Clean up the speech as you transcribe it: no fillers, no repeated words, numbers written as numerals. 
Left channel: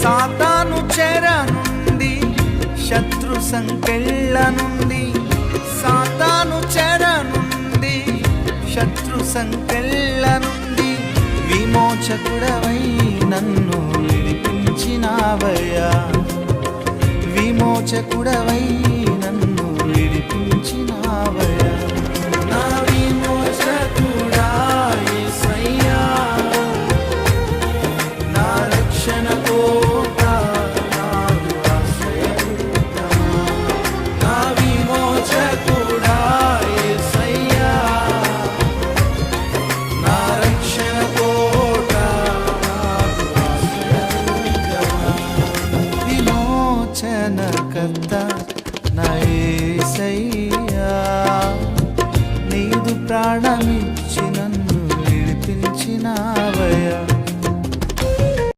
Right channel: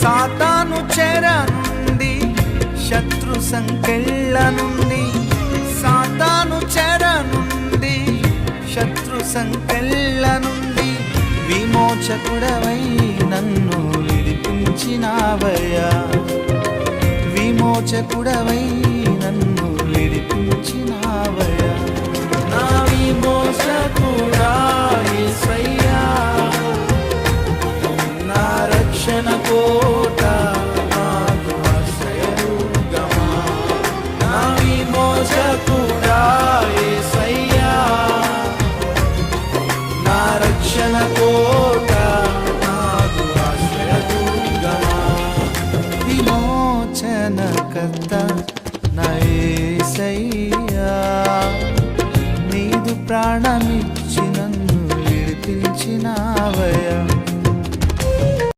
సాతాను చెర నుండి, శత్రు సంకెళ్ళ నుండి, సాతాను చెర నుండి, శత్రు సంకెళ్ళ నుండి విమోచకుడవై నన్ను విడిపించినావయ్యా. విమోచకుడవై నన్ను విడిపించినావయ్యా. నా విమోచకుడా యేసయ్యా, నా రక్షణ కోట, నాదు ఆశ్రయదుర్గమా. నా విమోచకుడా యేసయ్యా, నా రక్షణ కోట, నాదు ఆశ్రయదుర్గమా. విమోచనకర్త నా యేసయ్యా, నీదు ప్రాణమిచ్చి నన్ను విడిపించినావయ్యా.